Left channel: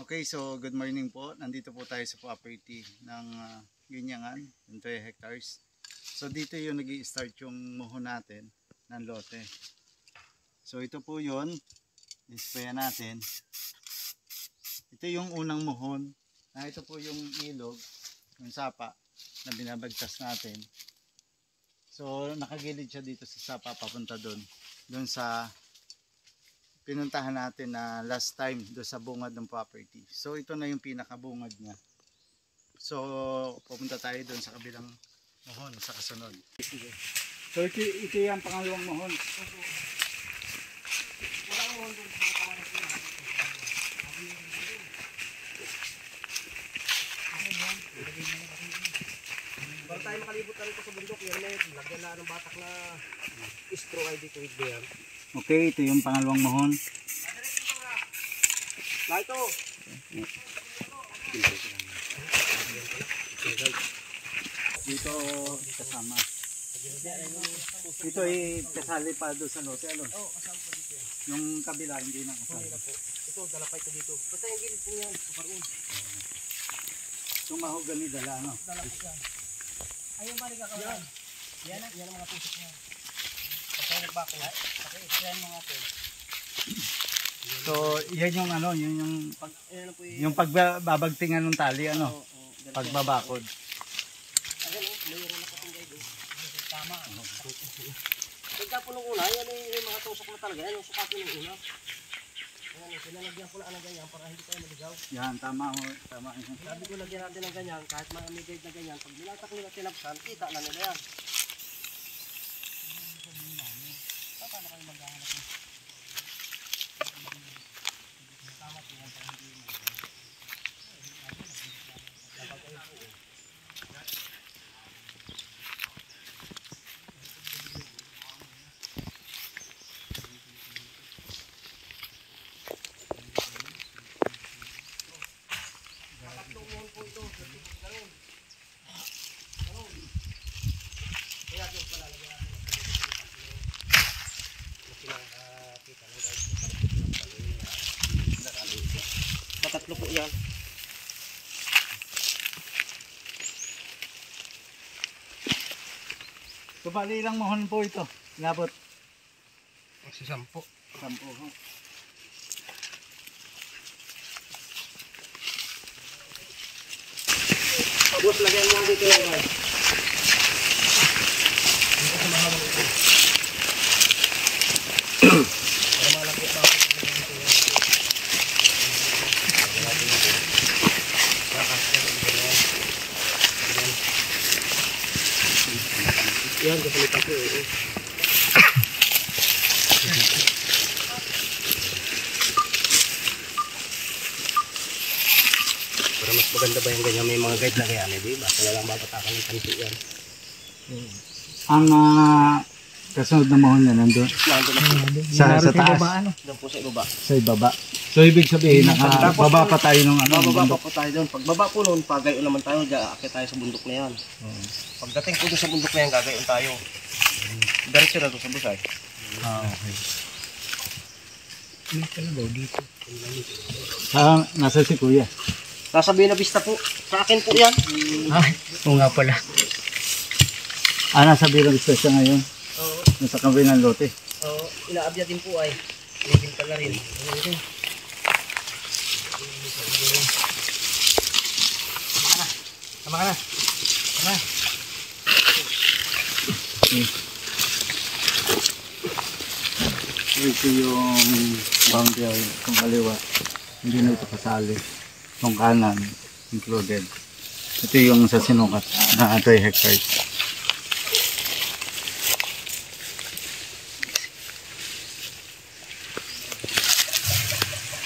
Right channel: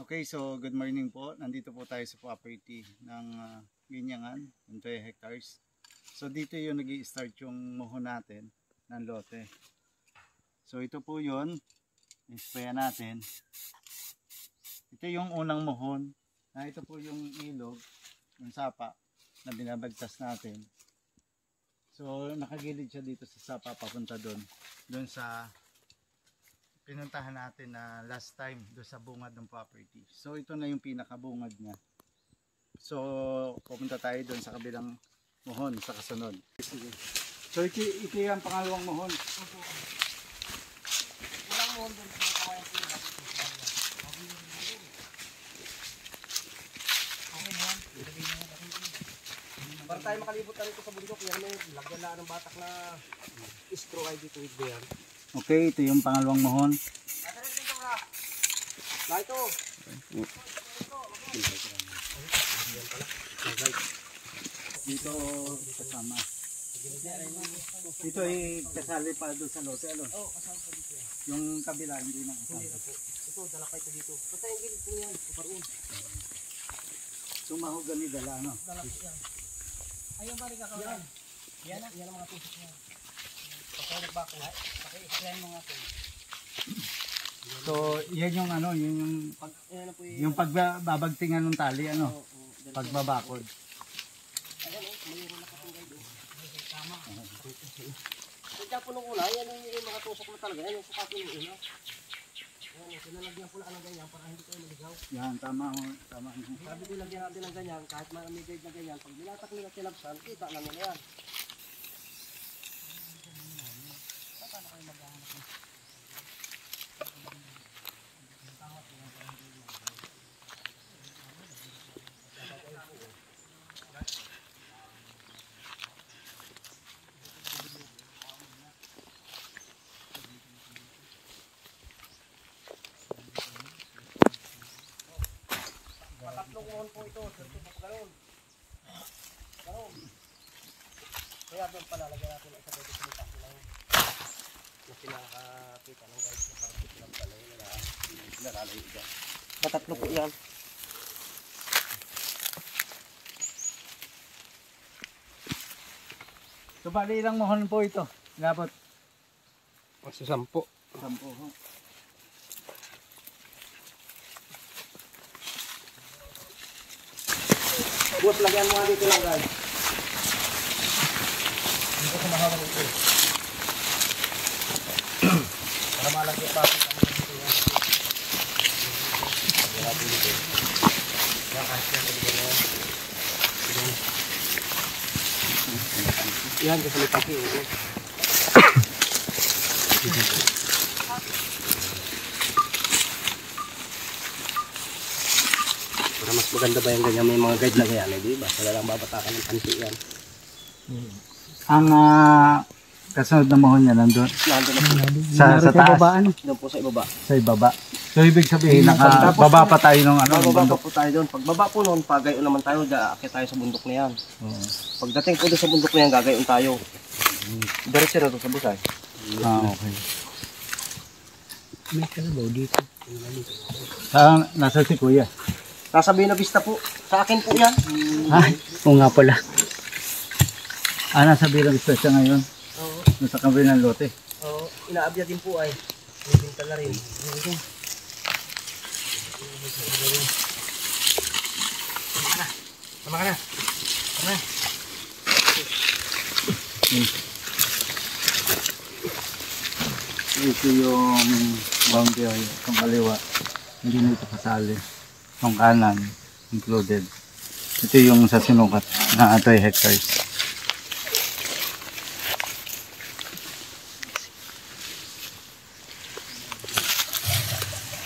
Okay, so good morning po. Nandito po tayo sa property ng Ginyangan, 20 hectares. So dito yung nag-i-start yung muhon natin ng lote. So ito po yun, isprayan natin. Ito yung unang muhon. Ito po yung ilog, yung sapa na binabagtas natin. So nakagilid siya dito sa sapa papunta doon sa pinuntahan natin na last time do sa bungad ng property. So ito na yung pinakabungad niya. So pupunta tayo doon sa kabilang muhon sa kasunod. So ito yung pangalawang muhon. Walang muhon doon sa kawayan ko. Para tayo makalibot na rito sa bundok, yan may lagyan na ng batak na straw ID tuwid na yan. Okay, ito yung pangalawang muhon. Na ito. Dito kasama. Ito ay kasali pa doon sa lote. Oo, kasama pa dito yan. Yung kabila hindi na kasali. Hindi na po. Ito, dala pa ito dito. Basta yung gilid po yan, paparoon. Tumahog kami dala, ano? Dala po yan. Ayun ba rin kakawalan? Yan ang mga tusok niya. Pag tayo nagbako, paki-explain mo nga po. So, yan yung ano, yun yung yung pagbabagtingan ng tali, ano? Pagbabakod. Ayan o, mayroon na katunggay doon. Tama. Pagka po nung una, yan yung mga tusok na talaga. Yan yung sukatin nung una. Ayan, pinalagyan ko lang ng ganyan para hindi tayo maligaw. Yan, tama ho. Tama. Sabi ko lagyan natin ng ganyan, kahit may guide na ganyan. Pag binatak nila tinapsan, kita na nila yan. Tatlong muhon po ito, sirti po gano'n. Gano'n. Kaya doon pala lagyan natin ang pagkakas ng pako na yun. Yung pinakakita ng guys na parang lang pala yun na nakalayo siya. Matatlo po yan. So, bali ilang muhon po ito? Inabot? Kasi 10. 10 ho. Tapos lagyan mo dito lang guys. Dito sa mahalong ito. Para malagyan pa kami dito yan. Yan, kasi pati oo. Pero mas maganda ba yung ganyan, may mga guide na ganyan, di ba? Wala lang babatakan ng pansi yan. Ang kasunod na muhon niya nandun? Sa taas? Doon po sa ibaba. Sa ibaba. So ibig sabihin, nakababa pa tayo ng ano? Bababa po tayo doon. Pagbaba po noon, pagayon naman tayo, aakit tayo sa bundok na yan. Pagdating po doon sa bundok na yan, gagayon tayo. Diretso na doon sa busay. Okay. dito. Nasa si Kuya? Nasa Buena Vista po. Sa akin po yan. Ay, oo nga pala. Nasa Buena Vista siya ngayon? Oo. Nasa kabilang lote? Oo. Inaabya din po ay. Ibinta na rin. Tama ka na. Tama. Ito yung boundary, itong kaliwa. Hindi na ito kasali. Itong kanan, included. Ito yung sa sinukat na 20 hectares.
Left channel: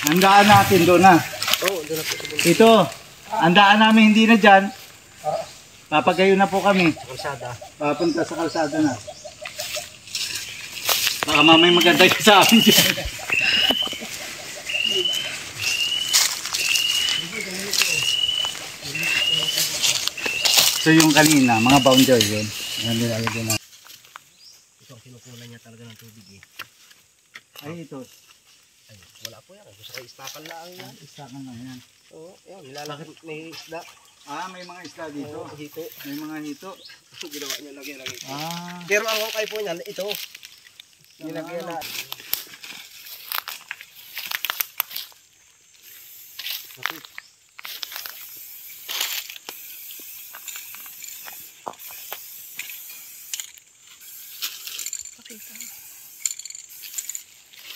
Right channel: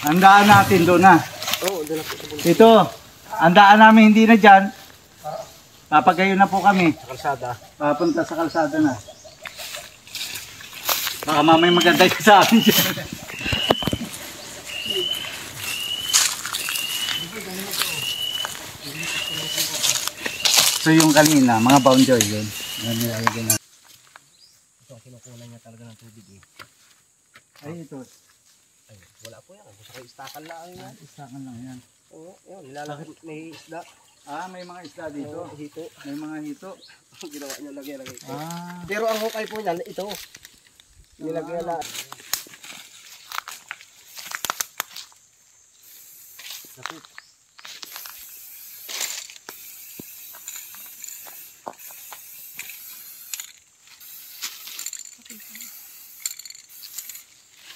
Ang daan natin doon na. Oo, doon na po sa bundok. Ito, ang daan namin hindi na dyan. Papagayon na po kami. Sa kalsada. Papunta sa kalsada na. Baka mamay maganda ka sa amin dyan. So yung kanina, mga boundary yun. Yan nilalagay na. Ito ang kinukunan niya talaga ng tubig eh. Ay ito. Ay, wala po yan. Gusto kayo istakan lang yan. Isakan lang yan. Oo, yan. Nilalaki. May isda. May mga isda dito. Oo, hito. May mga hito. Ginawa nyo lagyan ng ito. Ah, Pero ang hukay po niyan, ito. Nilagyan na. Lapit.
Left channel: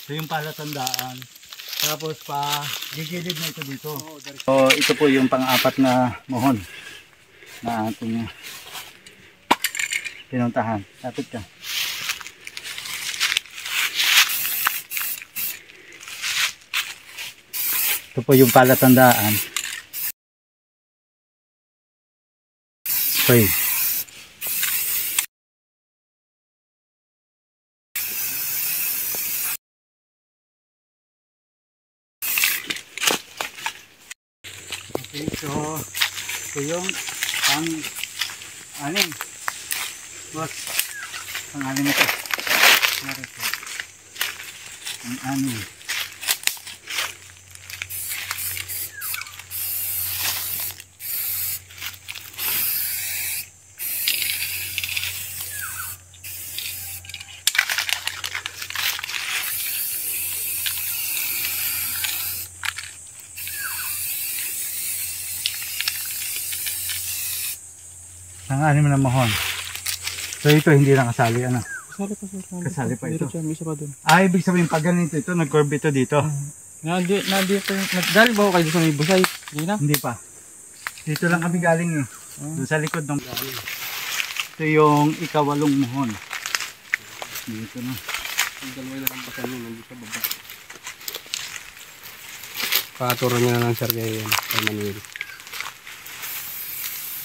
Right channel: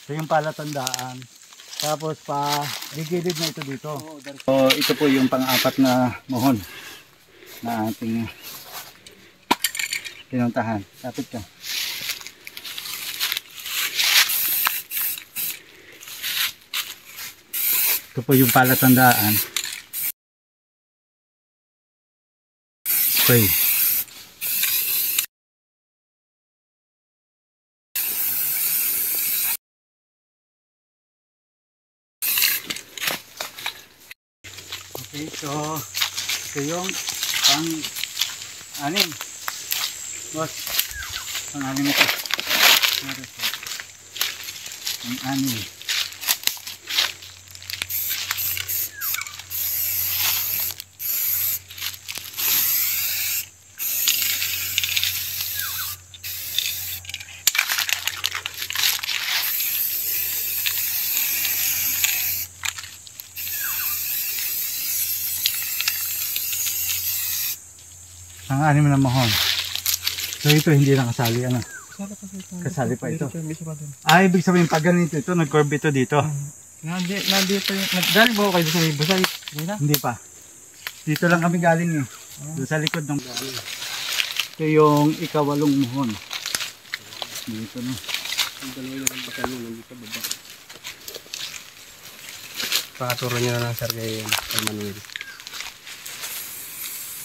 ito yung palatandaan. Tapos gigilid na ito dito. So ito po yung pang-apat na mohon na ating pinuntahan. Lapit ka. Ito po yung palatandaan. Spray. Okay, so ito yung pang-anim. Boss, pang-anim ito. Pang-anim. Pang-anim na mohon. So ito hindi lang kasali, ano? Kasali pa ito. Ibig sabihin pag ganito ito, nag-curve ito dito. Nandito yung nagdali ba kayo sa may busay? Hindi pa. Dito lang kami galing eh. Doon sa likod ng galing. Ito yung ikawalong mohon. Dito na. Ang dalawa na lang pasan yun, nandito baba. Pakaturo nyo na lang sir kayo yun, Manuel.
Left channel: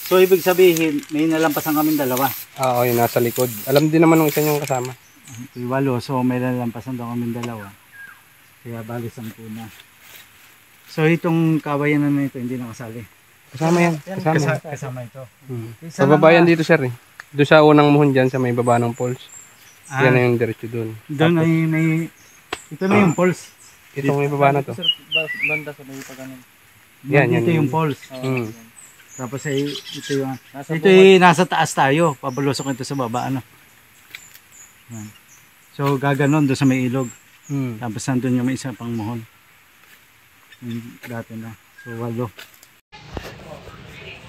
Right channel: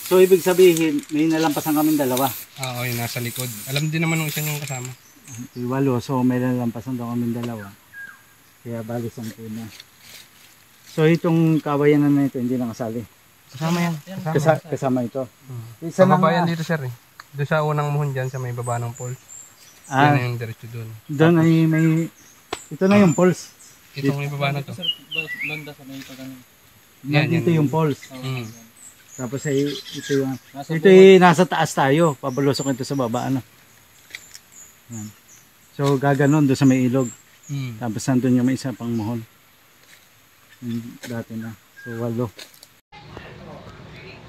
So ibig sabihin, may nalampasan kaming dalawa. Oo, yung nasa likod. Alam din naman ng isa yung kasama. Ito yung 8, so may nalampasan daw kaming dalawa. Kaya bali 10 na. So itong kawayan na ito, hindi nakasali. Kasama yan. Kasama ito. Sa baba yan dito sir eh. Doon sa unang muhon dyan sa may baba ng poles. Yan na yung diretso doon. Doon ay may, ito na yung poles. Itong may baba na to. Banda sa may pagano. Yan, dito yung poles. Mm. Tapos ay ito yung ito ay nasa taas tayo, pabalusok ito sa baba ano. Yan. So gaganon doon sa may ilog. Tapos nandun yung may isa pang mohon. Dati na. So 8.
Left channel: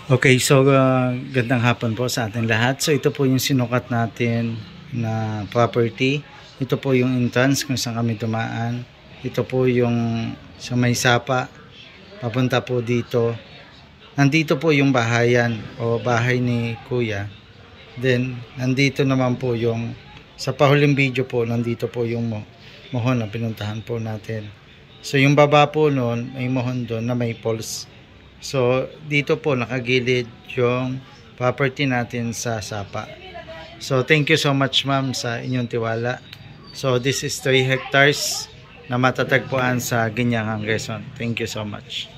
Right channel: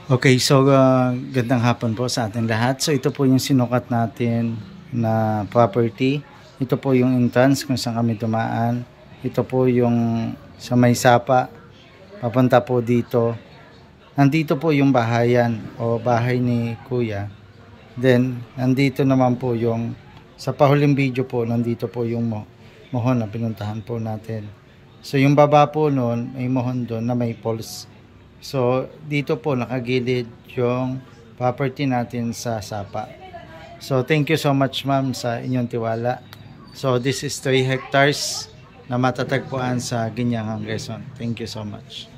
Okay, so gandang hapon po sa ating lahat. So ito po yung sinukat natin na property. Ito po yung entrance kung saan kami dumaan. Ito po yung sa may sapa. Papunta po dito. Nandito po yung bahayan o bahay ni Kuya. Then, nandito naman po yung, sa pahuling video po, nandito po yung mohon na pinuntahan po natin. So, yung baba po noon, may mohon doon na may poles. So, dito po nakagilid yung property natin sa sapa. So, thank you so much ma'am sa inyong tiwala. So, this is 3 hectares na matatagpuan sa Ginyangang, Quezon. Thank you so much.